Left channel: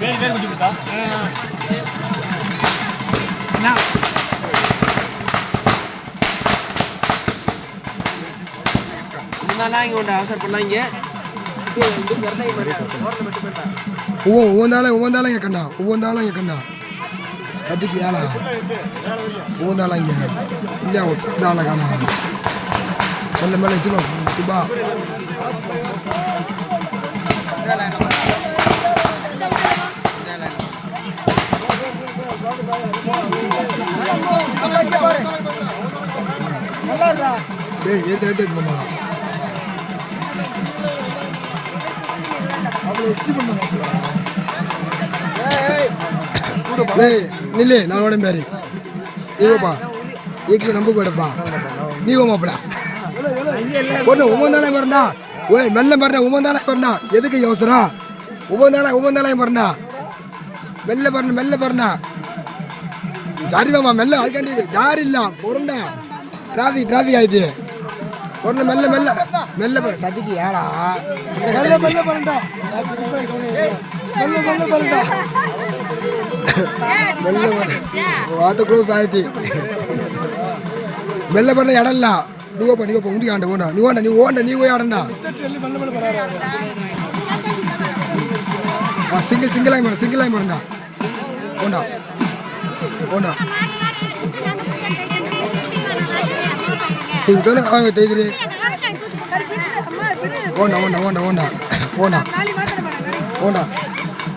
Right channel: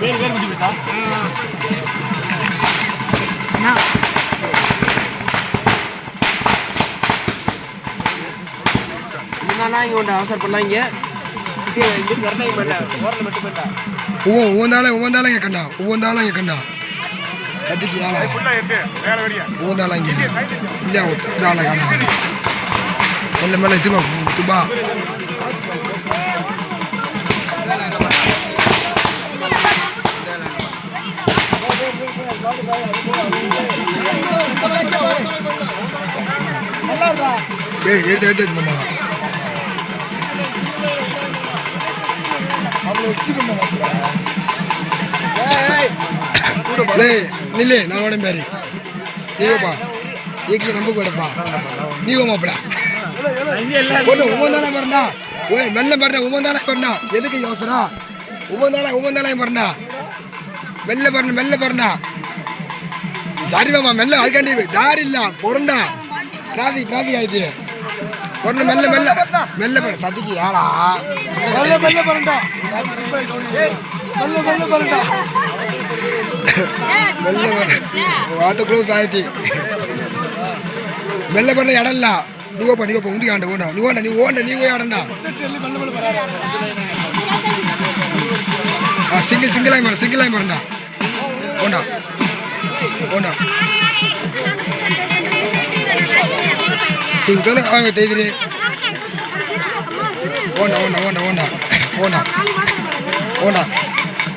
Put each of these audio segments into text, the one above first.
வேறு வேறு குட்டி விட்டா இங்கே உண்டு அவசரம் பண்ணலாம் இங்கே ஒவ்வொன்றாலும் இங்கே கண்டா ஒவ்வொன்றாலும் இங்கே கண்டா கத்திக்கு வேலை ஒவ்வொன்றாலும் இங்கே இல்லையா ஒத்தால காணா மெல்ல மெல்ல எத்தினோம் துபா எடுத்து எடுத்து மாமா நில்லு நான் உடம்பு பேரு நீங்கப்பா ஏக்கு நம்ப கூடப்பா நீங்க மாப்பிள ஒன்று ஒவ்வொன்றாலே வரண்டா ஓய் மெல்ல வரண்டா ஒவ்வொன்றாலே வரண்டா எதுக்கு அவசரம் ஒவ்வொன்றாலே வரண்டா மெல்ல வரணும் மெல்ல வரண்டா சரி மாமா மெல்ல அதுக்காண்டி தாரி இல்ல பொருண்டா டிராஃபிக் ஆயிடுச்சு பொருள் மெல்ல மெல்ல மெல்ல போற சதிக்கு யாரா மெல்ல மெல்ல போறண்டா மெல்ல மெல்ல போறண்டா மெல்ல வர வாட்ட க்ளோஸ் ஆயிடுச்சு மெல்ல பண்ண இடம் இல்ல நீ போ உண்டி ஆண்ட ஓண்டா நீ போய் ஆடண்டா சிங்கிள் ஆகி மாறண்டா ஓண்டா வாங்க தெரியுது ஓண்டா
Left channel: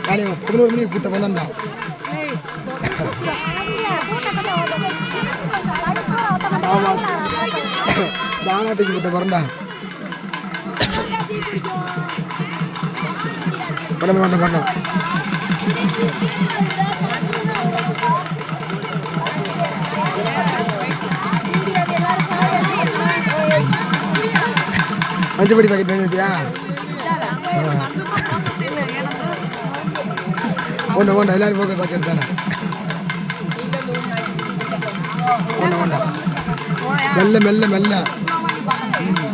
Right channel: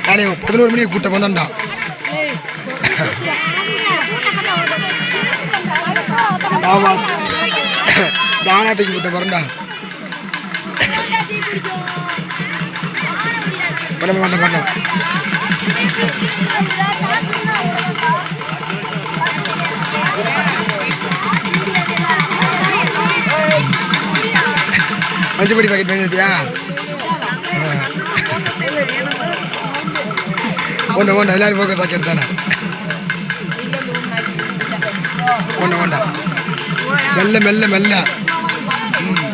காலையை 11 மணிக்கு கூட்டம் வந்தான்டா ஆமா தானாத்துக்கு கூட்டம் வரண்டா பண்ண மஞ்சப்படி பாக்கெட் வாங்கிட்டியா ஓண்டா எல்லாரும் போக்க சாக்கெட் தானே ஓண்டா மெல்ல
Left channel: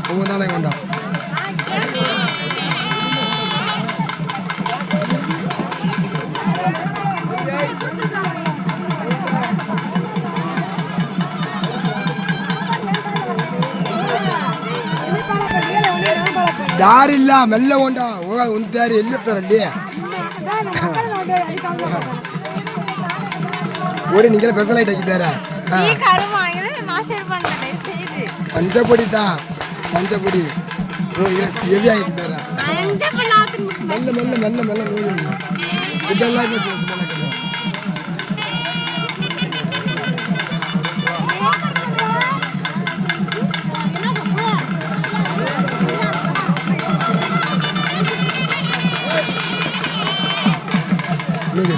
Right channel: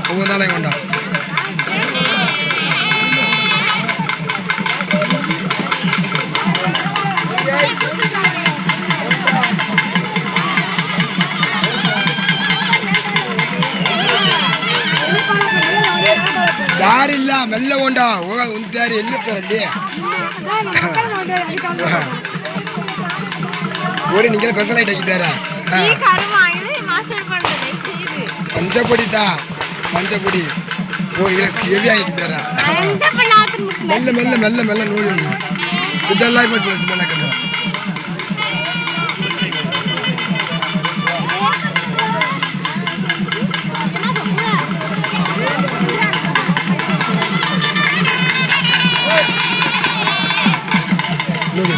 ஒவ்வொரு நாளையும் ஓண்டா ದಾರಿ ಇಲ್ಲ ಮೆಲ್ಲ ಹೊಂಡ ಹೋಗ ಒಂದು ದಾರಿ ಎಲ್ಲಿರ್ತಾರಲ್ಲಿ ಓಡಿ ನಿಂಗೆಲ್ಲ ಸ್ಪೆಷಲ್ ಐಟ್ ಹಾಕಿದ್ದಾರೆ ಪಂಚಪುಡಿ ಓ ಹೆವಿ ಹಾಕಿದ್ದಾರೆ ಮೆಲ್ಲ ನೋಡಿ ಇದೆಲ್ಲ ಮಾಡ್ತೀವಿ ಮೆಲ್ಲ ಕಡೆ ನೋಡಿ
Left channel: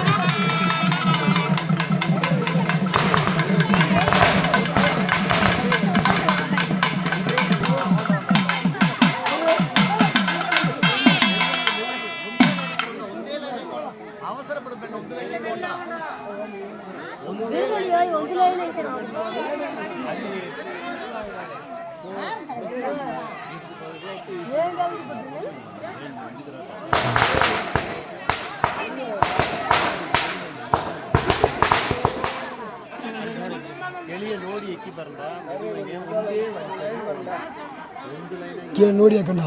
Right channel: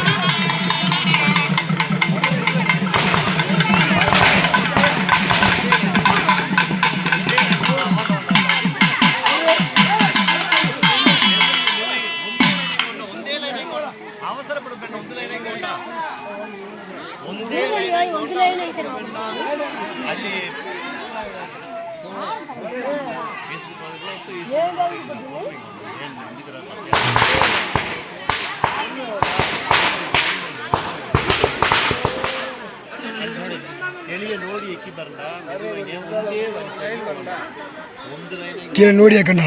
ಕೀழே ನೋಡಿ ಹಾಕಣ್ಣ